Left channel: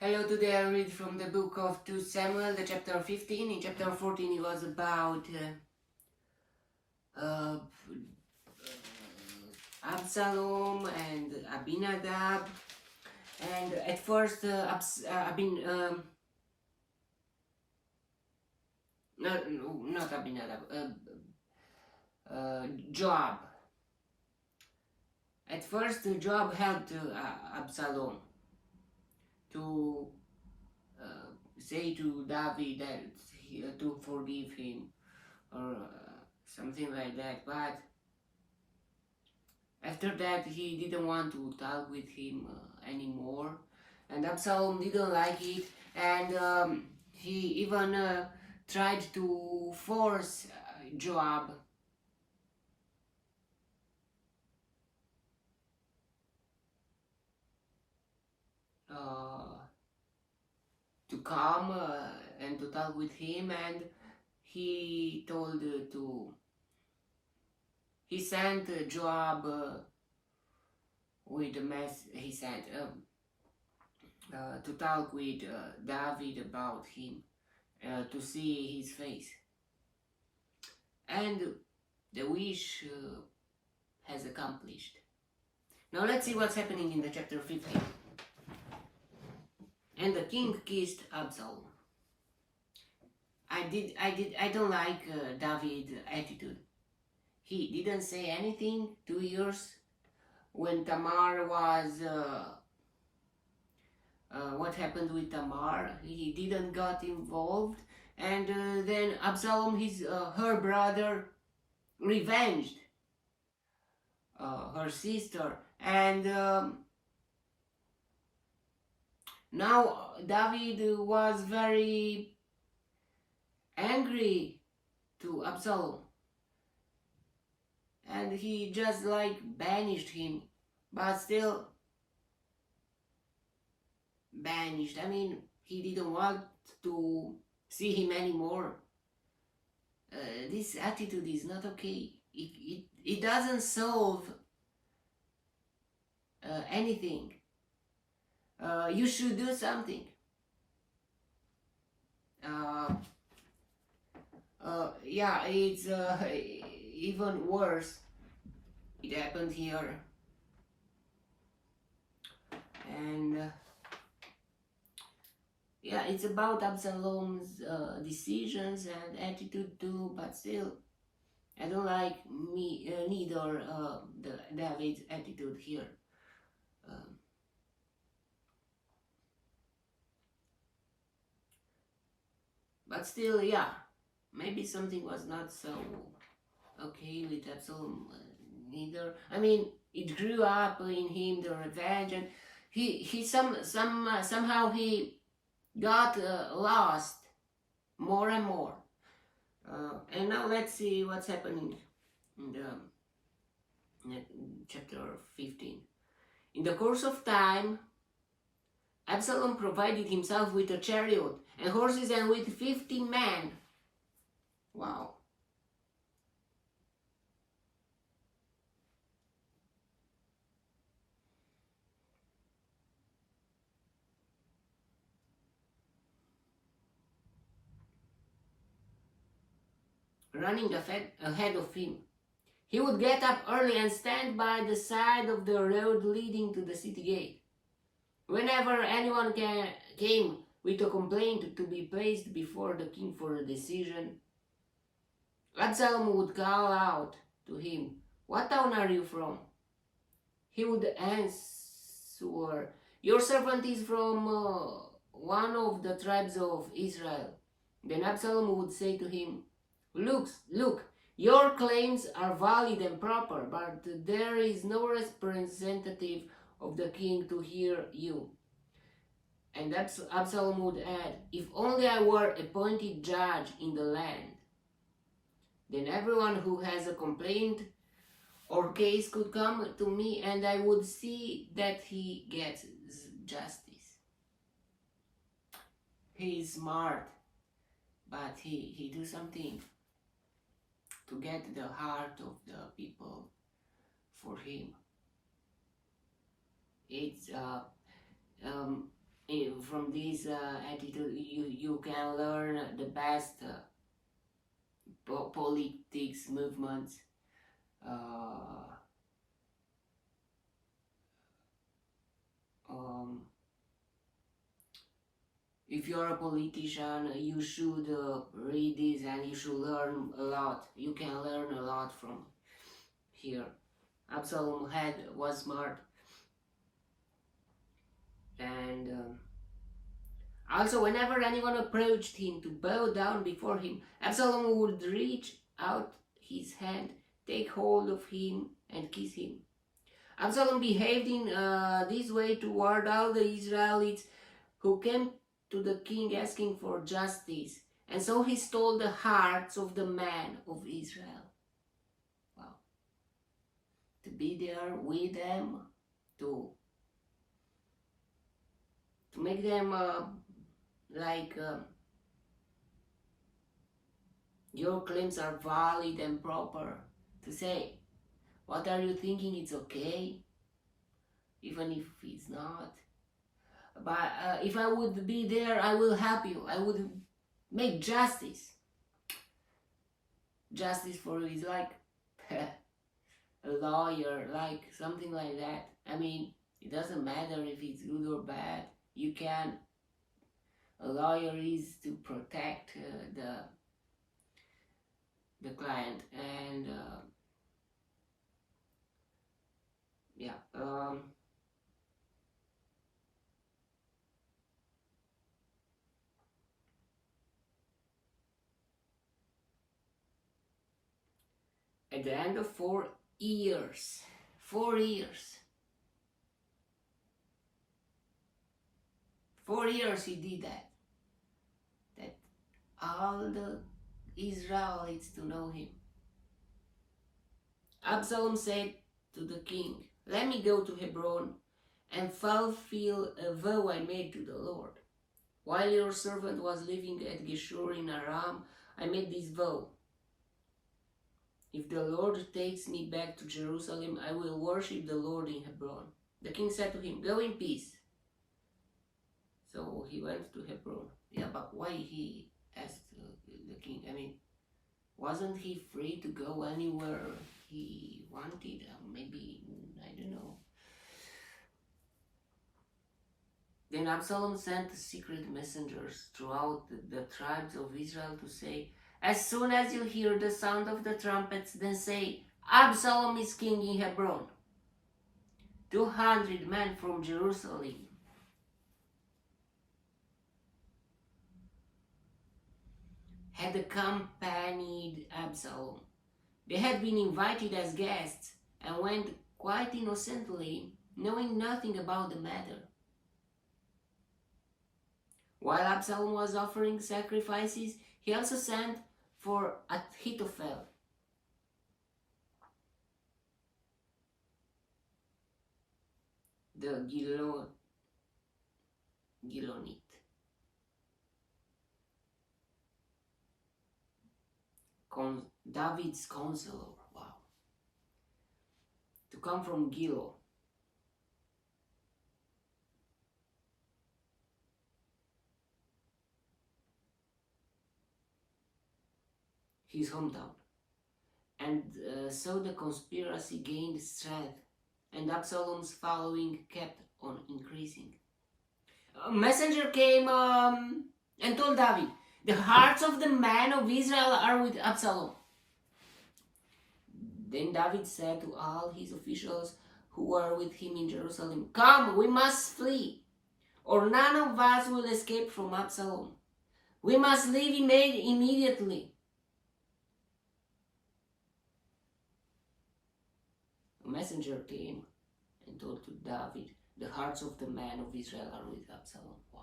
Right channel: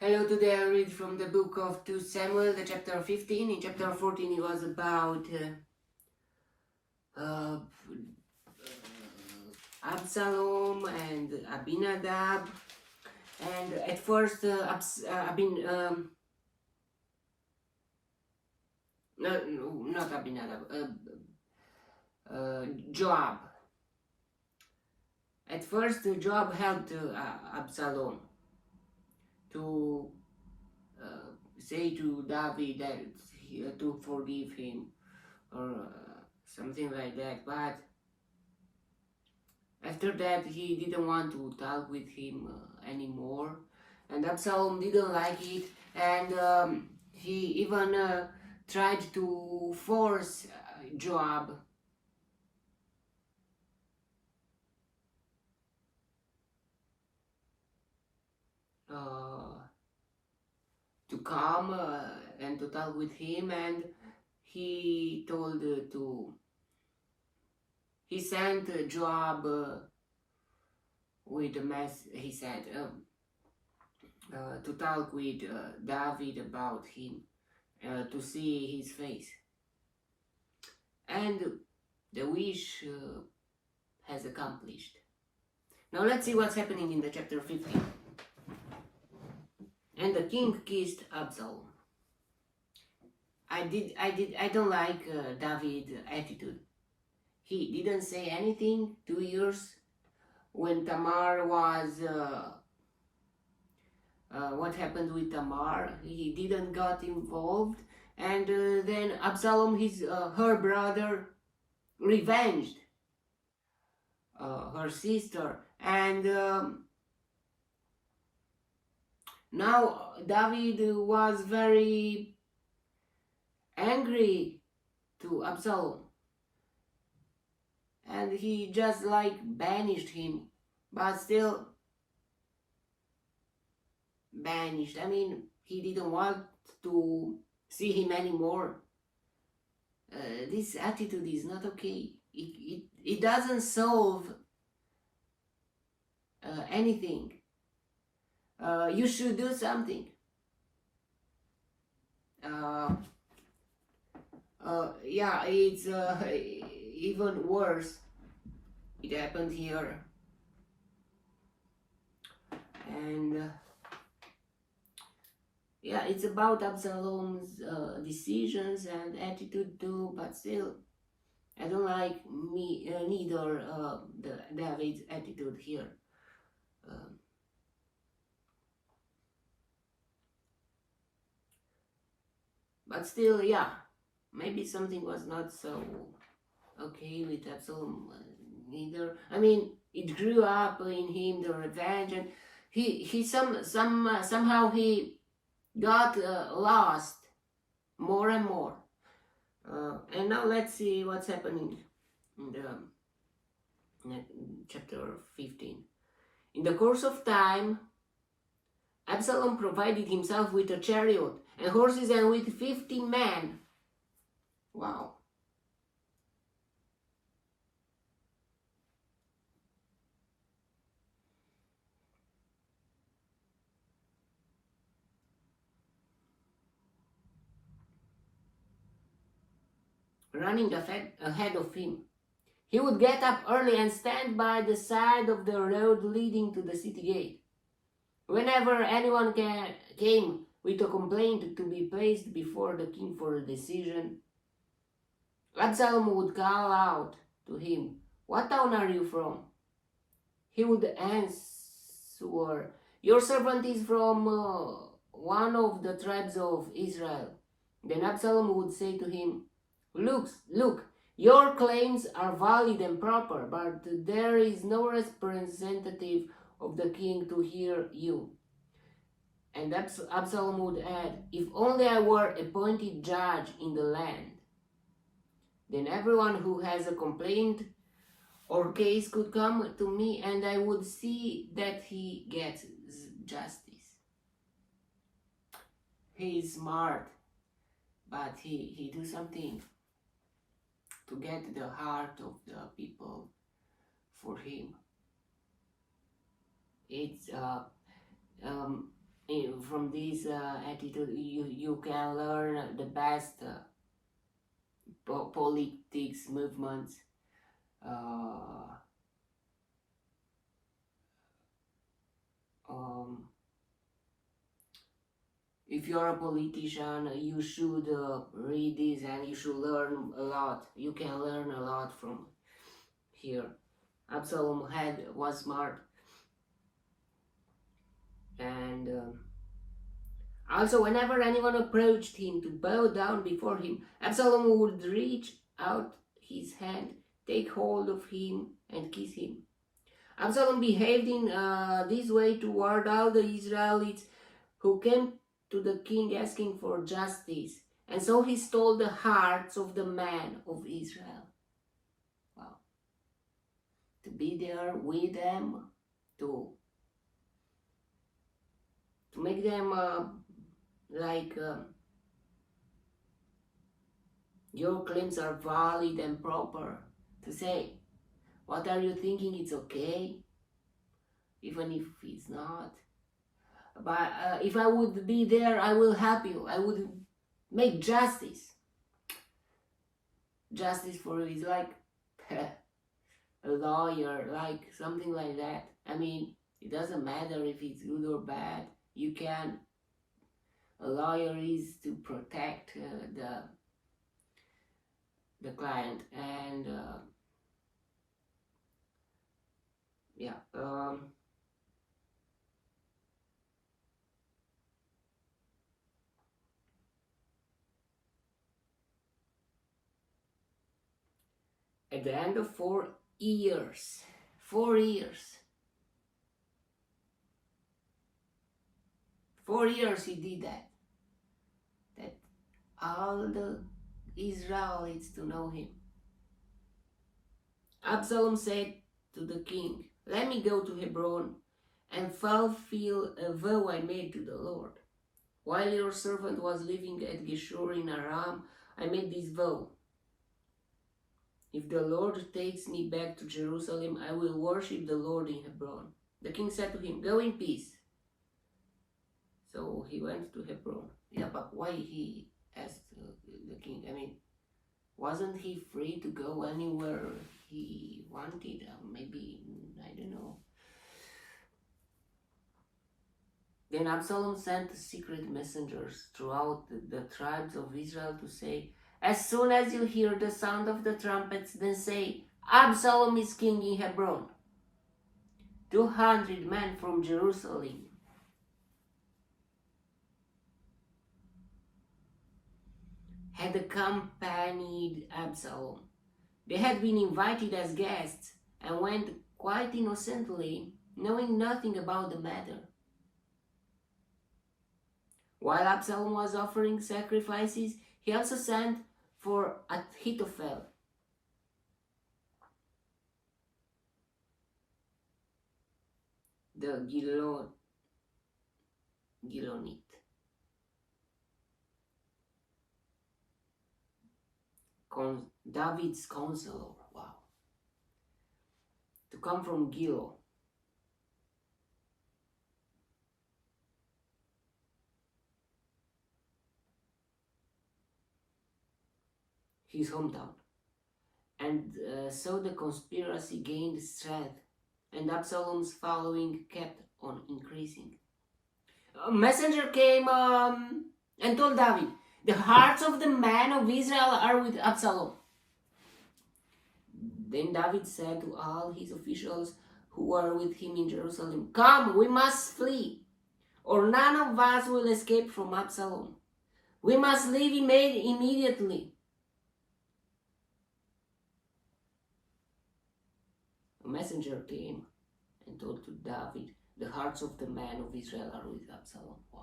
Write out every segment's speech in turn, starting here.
Hello, today I read from the book of 2 Samuel, the chapter 15. In chapter 14 it was about Absalom and Abinadab. And at first not Abinadab, Joab. At first Joab helped Absalom to say to David that to forgive him or something like that, but after that he didn't want to talk with him anymore, and Absalom didn't like it, and he even tried to force Joab to come and to talk with him, and he told he sent Joab with a he said to talk with David about him, to see his face, and the wish has accomplished. Now let's see what's happening in the chapter 15. And the king kissed Absalom. I don't like David's attitude. He didn't say anything 2 years when Tamar was what happened with Tamar. He didn't got involved, and then Absalom, her brother, revenged her sister, and now David was very angry to Absalom, and he just like banished him, but still banished. I mean, he didn't want to see him anymore. This attitude is not okay. It doesn't solve anything. You should do something. Yeah, it's even worse. It happened here, and yeah, it's about Absalom's decisions and attitude too, but still, I don't like neither David's attitude here. But still, yeah, maybe something was not so okay with Absalom neither. I mean, it grew up in him, the revenge, and he somehow he got lost more and more. And now let's see what's happening in the chapter 15. In the course of time, Absalom provided himself with a chariot and horses and with 50 men. Wow. Running ahead of him. He would get up early and stand by the side of the road leading to the city gate. Whenever anyone came with a complaint to be placed before the king for a decision, Absalom would call out to him, "What town are you from?" He would answer, "Your servant is from one of the tribes of Israel." Then Absalom would say to him, Look, your claims are valid and proper, but there is no representative of the king to hear you." And Absalom would add, "If only I were appointed judge in the land. Then everyone who has a complaint or case could come to me, and I would see that he gets justice." He is smart, but he do something to get the heart of the people for him. It's from this attitude, you can learn the best politics movements. If you're a politician, you should read this and you should learn a lot. You can learn a lot from here. Absalom was smart, and also whenever anyone approached him to bow down before him, Absalom would reach out his hand, take hold of him, and kiss him. Absalom behaved in this way toward all the Israelites who came to the king asking for justice, and so he stole the hearts of the men of Israel. Wow. To be there with them, to make them your claims are valid and proper, to say, what are you thinking, it's okay, even if it's not. But if I would be there, I will help you. I would make justice. Justice for you is like a lawyer, like something like that. I mean, it doesn't matter if it's good or bad. You can. A lawyer is to protect the client, and yeah. At the end of 4 years, 4 years, 4 years he did that all the Israelites to know him. Absalom said to the king, let me go to Hebron and fulfill a vow I made to the Lord. While your servant was living at Geshur in Aram, I made this vow. If the Lord takes me back to Jerusalem, I will worship the Lord in Hebron. The king said to him, go in peace. So he went to Hebron. Yeah, but why he asked the king? I mean, wasn't he free to go anywhere he wanted? Maybe, I don't know. Then Absalom sent secret messengers throughout the tribes of Israel to say, as soon as you hear the sound of the trumpets, then say, Absalom is king in Hebron. 200 men from Jerusalem had accompanied Absalom. They had been invited as guests and went quite innocently, knowing nothing about the matter. While Absalom was offering sacrifices, he also sent for Ahithophel, the Gilonite. David's counselor, wow, to come from Gilo. His hometown. And so the conspiracy gained strength, and Absalom's following kept on increasing. A messenger came and told David, the hearts of the men of Israel are with Absalom. Then David said to all his officials who were with him in Jerusalem, come, we must flee, or none of us will escape from Absalom. We must leave immediately. A messenger came and told to David, the hearts of the men of Israel are with Absalom. Wow.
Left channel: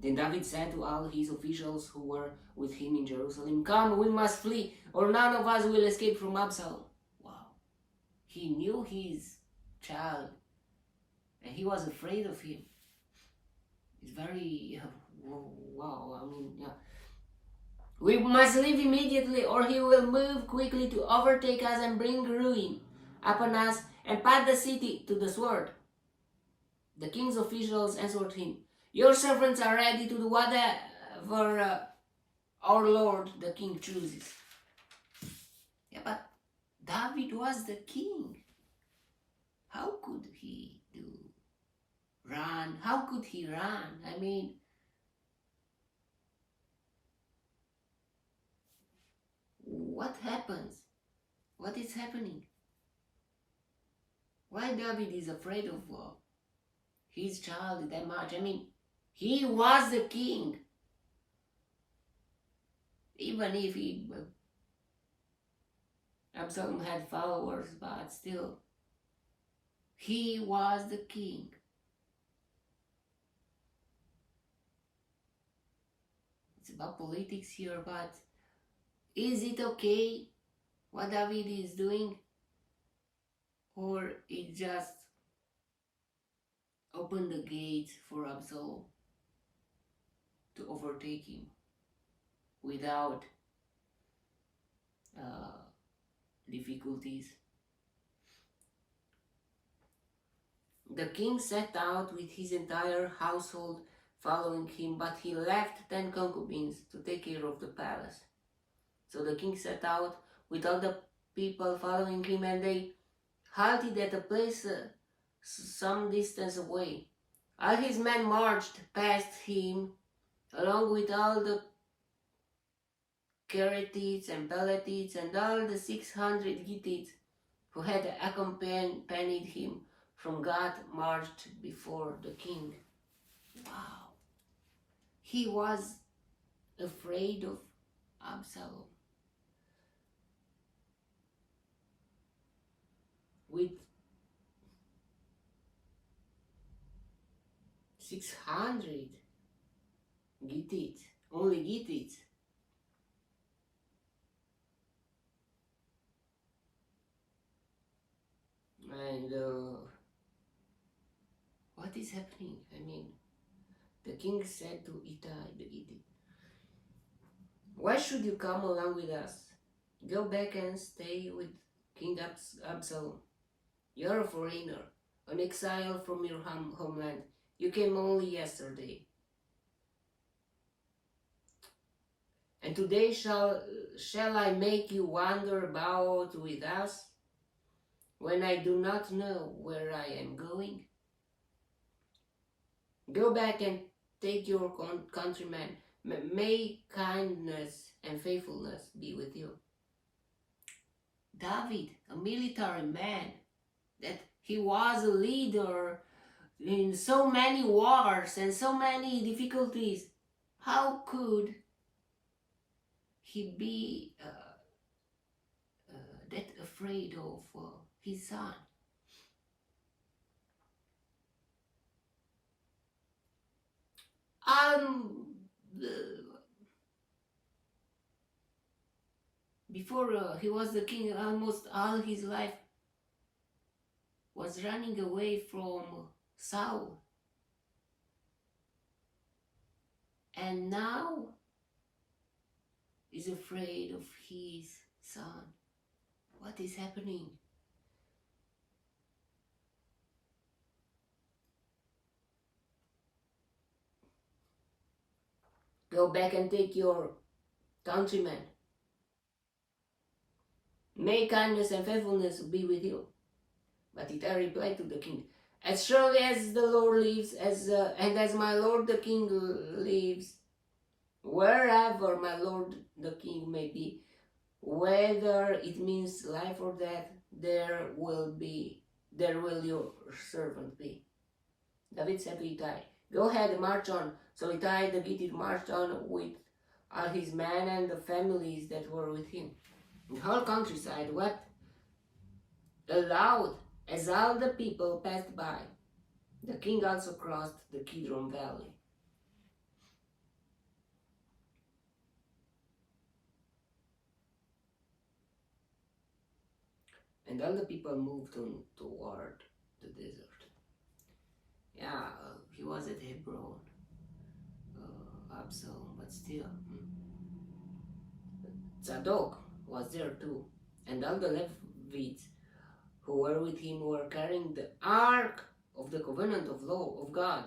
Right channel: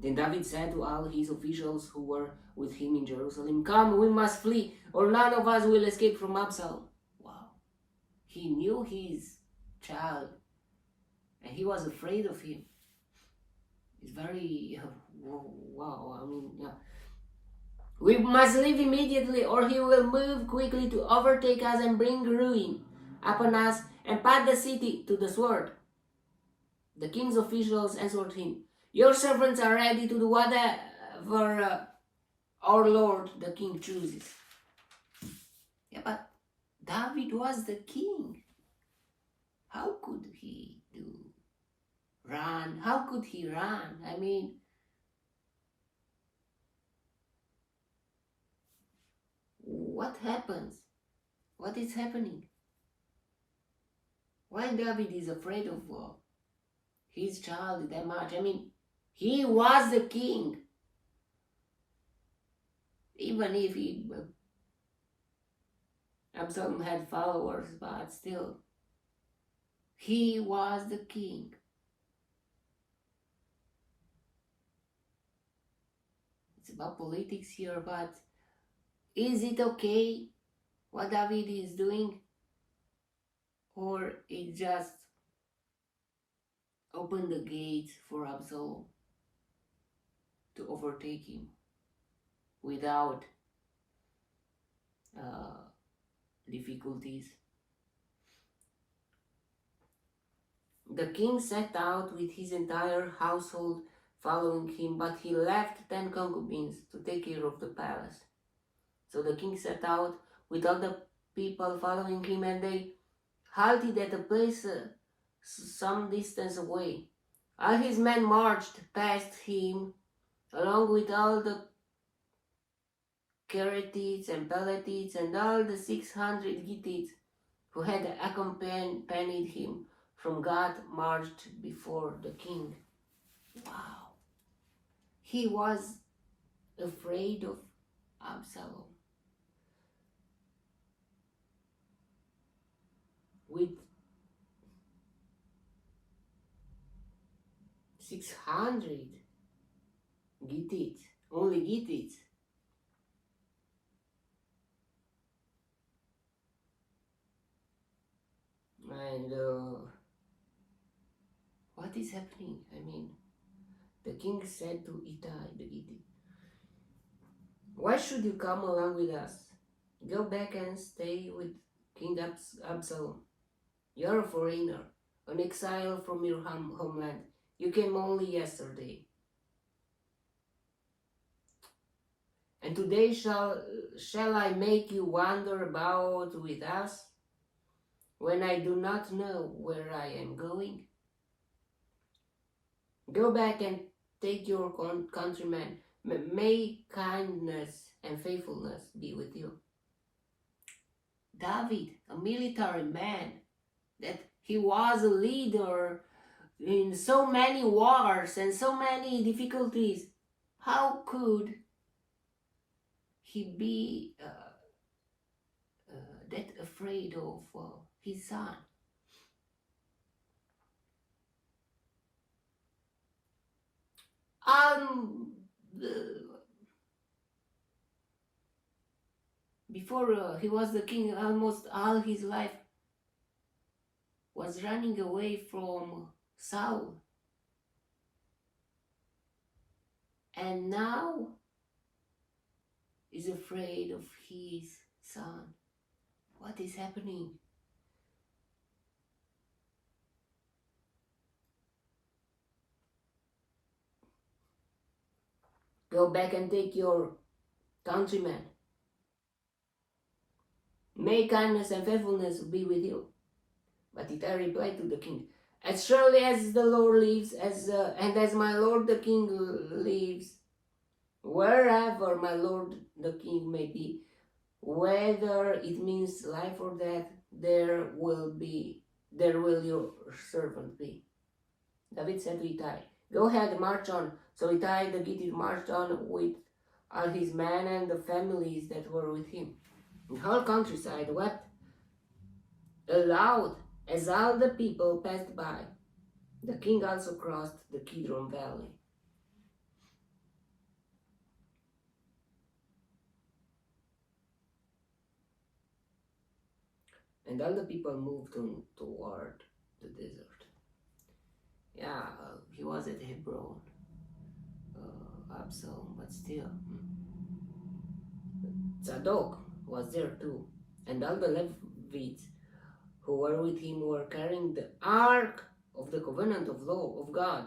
Then David said to all his officials who were with him in Jerusalem, come, we must flee, or none of us will escape from Absalom. Wow. He knew his child, and he was afraid of him. It's very, wow, I mean, yeah. We must leave immediately, or he will move quickly to overtake us and bring ruin upon us and put the city to the sword. The king's officials answered him, "Your servants are ready to do whatever our lord the king chooses." Yeah, but David was the king. How could he run? How could he run? I mean, what happens? What is happening? Why David is afraid of his child that much? I mean, he was the king. Even if Absalom had followers, but still, he was the king. It's about politics here, but is it okay what David is doing? Or it just opened the gate for Absalom to overtake him without difficulties? The king set out with his entire household following him, but he left 10 concubines to take care of the palace. So the king set out with all the people following him, and they halted at a place some distance away. All his men marched past him, along with all the Kerethites and Pelethites and all the 600 Gittites who had accompanied him from Gath marched before the king. Wow. He was afraid of Absalom. With 600 Gittites, only Gittites. And what is happening? I mean, the king said to Ittai the Gittite, "Why should you come along with us? Go back and stay with King Absalom. You're a foreigner, an exile from your homeland. You came only yesterday. And today shall I make you wander about with us when I do not know where I am going? Go back and take your countrymen. May kindness and faithfulness be with you." David, a military man, that he was a leader in so many wars and so many difficulties, how could he be that afraid of his son? Before he was the king, almost all his life was running away from Saul. And now is afraid of his son. What is happening? Go back and take your countrymen. May kindness and faithfulness be with you. But Ittai replied to the king, "As surely as the Lord lives, and as my lord the king lives, wherever my lord the king may be, whether it means life or death, there will your servant be." David said to Ittai, "Go ahead, march on." So Ittai the Gittite marched on with all his men and the families that were with him. The whole countryside wept aloud as all the people passed by. The king also crossed the Kidron Valley. And all the people moved on toward the desert. Yeah, he was at Hebron, Absalom, but still. Zadok was there too, and all the Levites who were with him were carrying the ark of the covenant of law of God.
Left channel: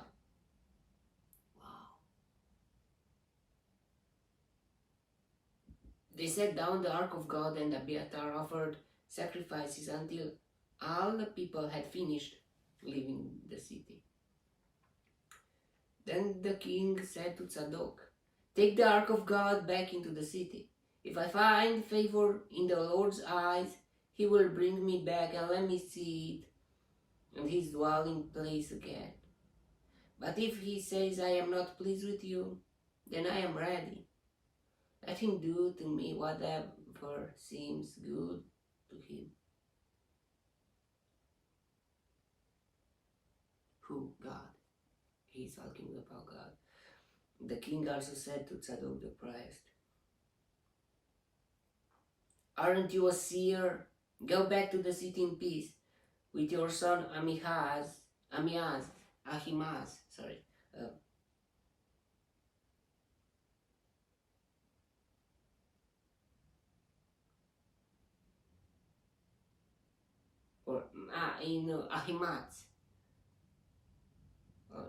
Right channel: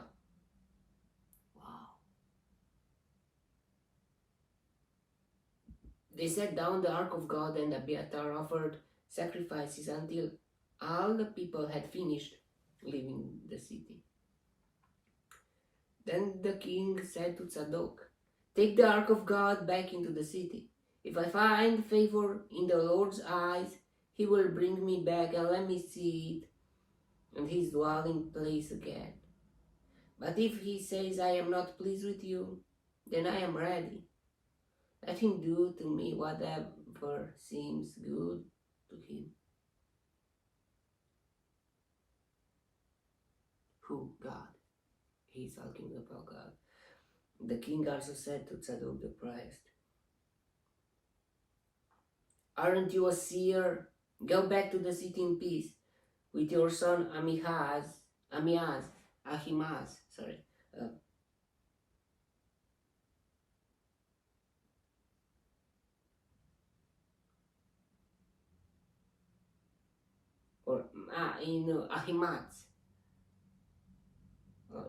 Wow. They set down the ark of God, and Abiathar offered sacrifices until all the people had finished leaving the city. Then the king said to Zadok, "Take the ark of God back into the city. If I find favor in the Lord's eyes, he will bring me back and let me see it and his dwelling place again. But if he says, I am not pleased with you, then I am ready. Let him do to me whatever seems good to him." Who? God. He's talking about God. The king also said to Zadok the priest, "Aren't you a seer? Go back to the city in peace with your son Ahimaaz, Ahimaaz.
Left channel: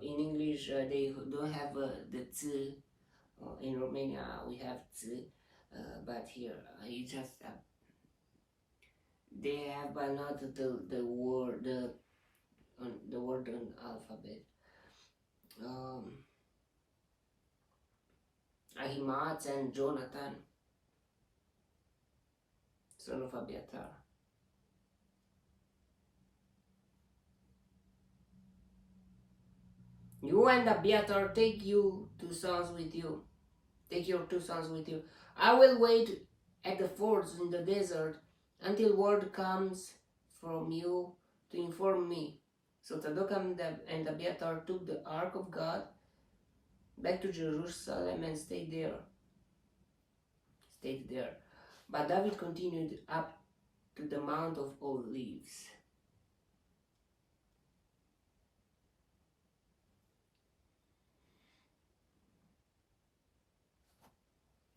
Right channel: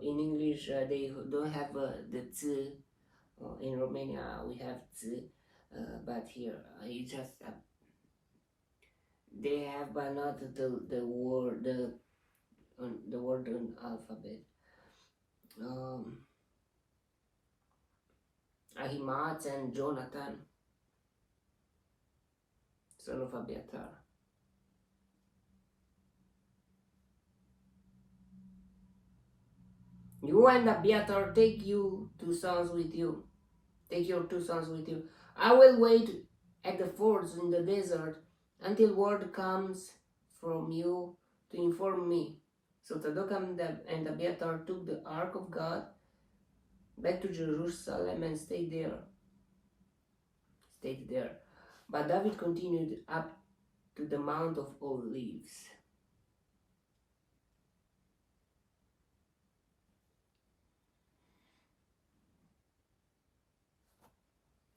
In English, they don't have the z. In Romania, we have z, but here it just they have, but not the word the word on alphabet. Ahimaaz and Jonathan, son of Abiathar. You and Abiathar, take your two sons with you. I will wait at the fords in the desert until word comes from you to inform me." So Zadok and Abiathar took the ark of God back to Jerusalem and stayed there. But David continued up to the Mount of Olives.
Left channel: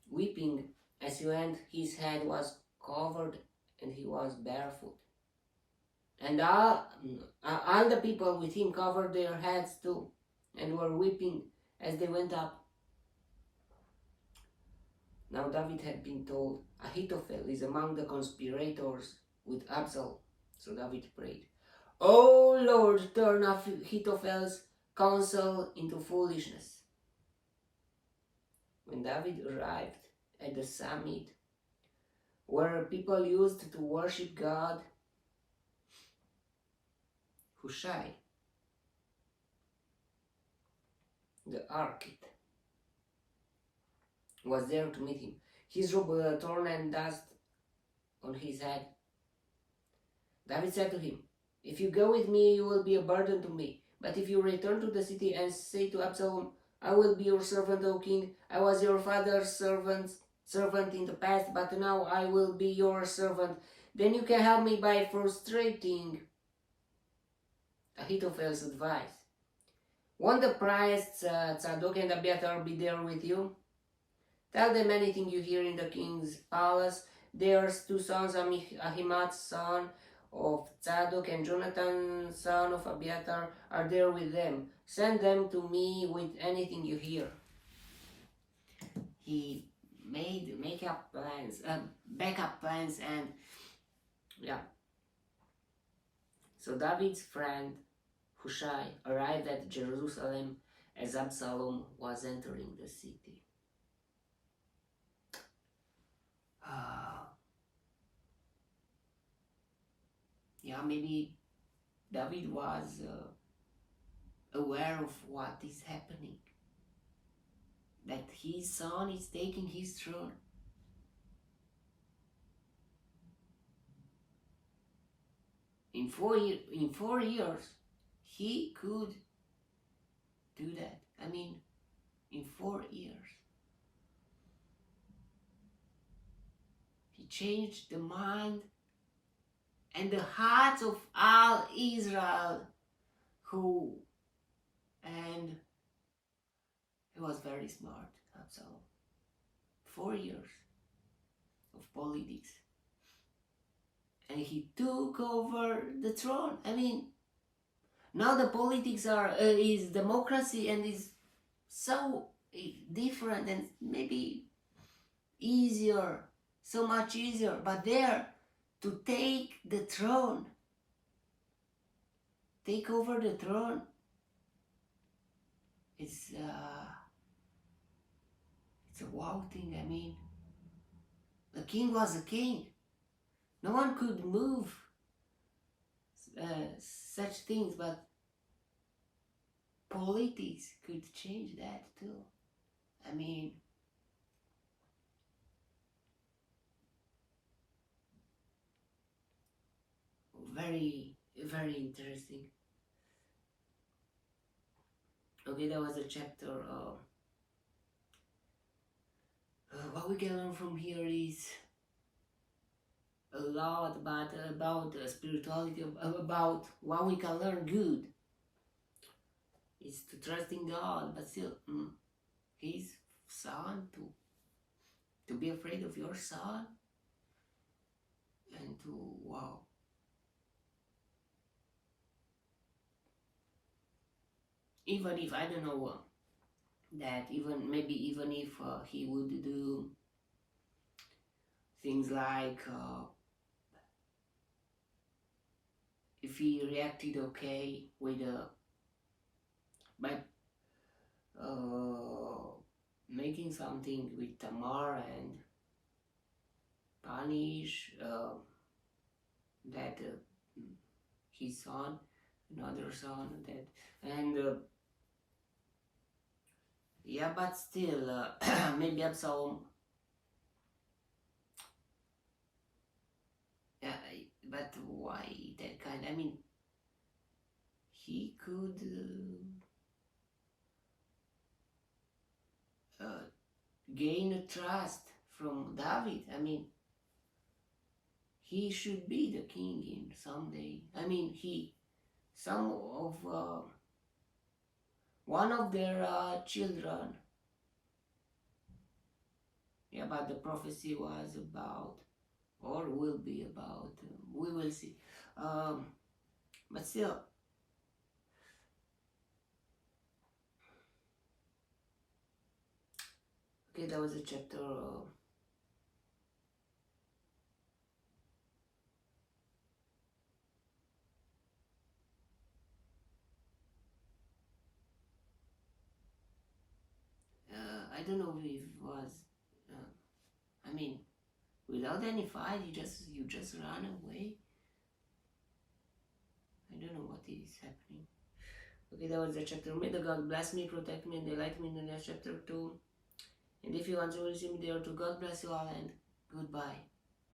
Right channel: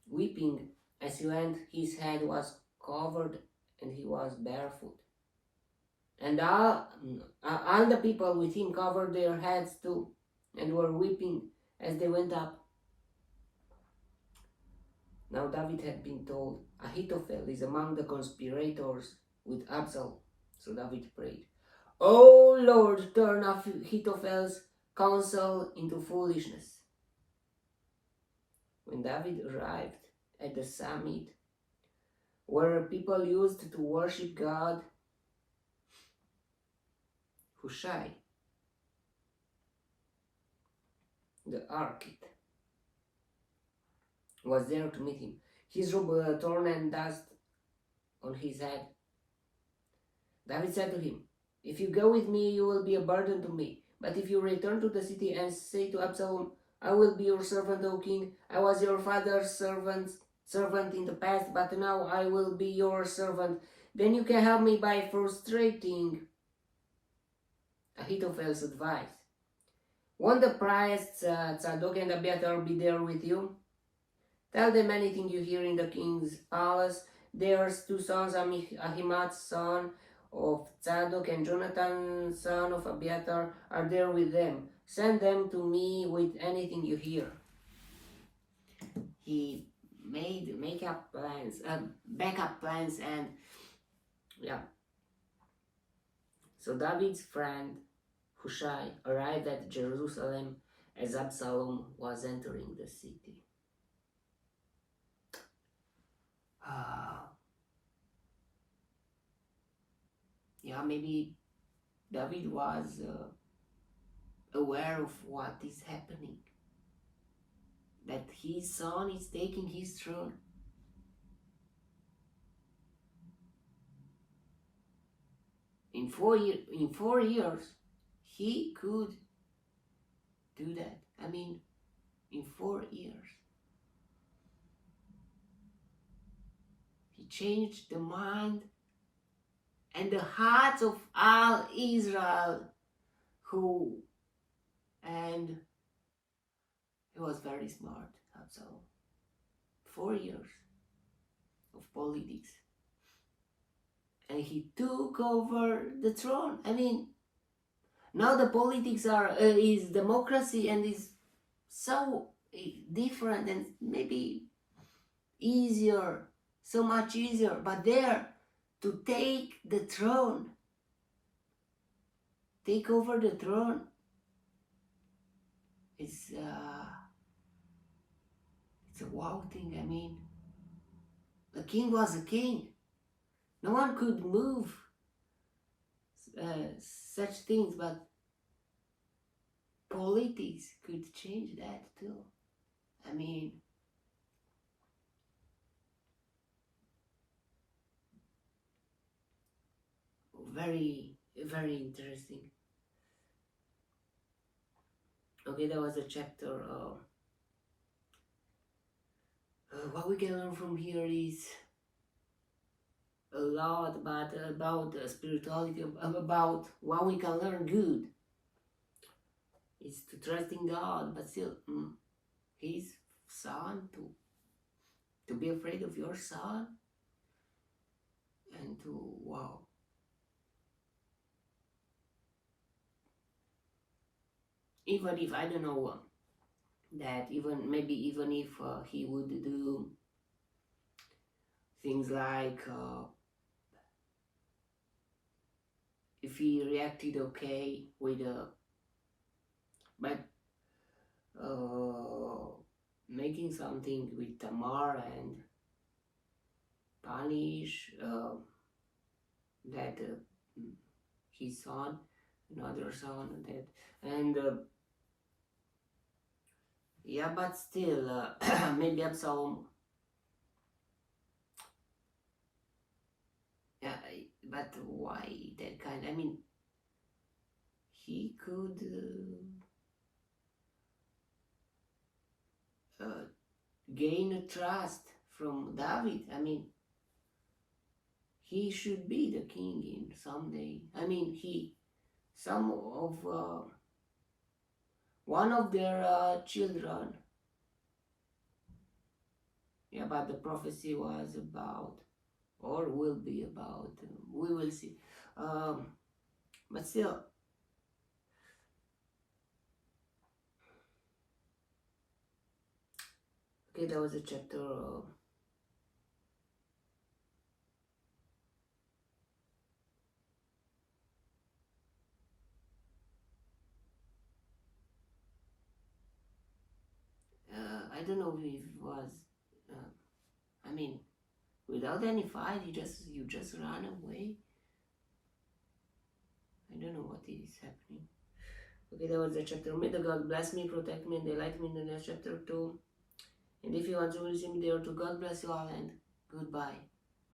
Weeping as he went, his head was covered and he was barefoot. And all the people with him covered their heads too, and were weeping as they went up. Now David had been told, "Ahithophel is among the conspirators with Absalom." So David prayed, "O Lord, turn Ahithophel's counsel into foolishness." When David arrived at the summit where people used to worship God, Hushai, the Archite, was there to meet him. His robe torn and dust on his head. David said to him, "If you go with me, you will be a burden to me. But if you return to the city and say to Absalom, 'I will be your servant, O king. I was your father's servant in the past, but now I will be your servant,' then you can help me by frustrating Ahithophel's advice. Won't the priests Zadok and Abiathar be there with you? Tell them anything you hear in the king's palace. Their two sons, Ahimaaz, son of Zadok, and Jonathan, son of Abiathar, are there with them. Send them to me with anything you hear." He made backup plans, and yeah. So David's friend Hushai arrived at Jerusalem as Absalom was entering the city. Yeah, maybe David was aware of what is happening, that his son is taking his throne. In 4 years, he could do that. I mean, in 4 years. He changed the mind and the hearts of all Israel, and he was very smart, Absalom. 4 years of politics. And he took over the throne. I mean, Now the politics is democracy and is so different and maybe easier, so much easier, but there to take the throne, take over the throne, it's a wow thing. I mean, the king was a king. No one could move such things, but politics could change that too. I mean, very, very interesting. Okay, that was a chapter. What we can learn from here is a lot, but about spirituality, about what we can learn good is to trust in God, but still, His son, to be afraid of your son, and to, wow. Even if, I don't know, that maybe even if he would do things like, if he reacted okay with, by making something with Tamar and punish that his son, another son, that, and yeah, but still, maybe Absalom, but why that kind? I mean, he could gain a trust from David. I mean, he should be the king in someday. I mean, some of one of their children. Yeah, but the prophecy was about, or will be about, we will see. But still, okay, that was a chapter. I don't know if it was. I mean, without any fight, you just run away. I don't know what is happening. Okay, that was the chapter. May the God bless me, protect me, and delight me in the next chapter too. And if you want to receive me there, to God bless you all, and goodbye.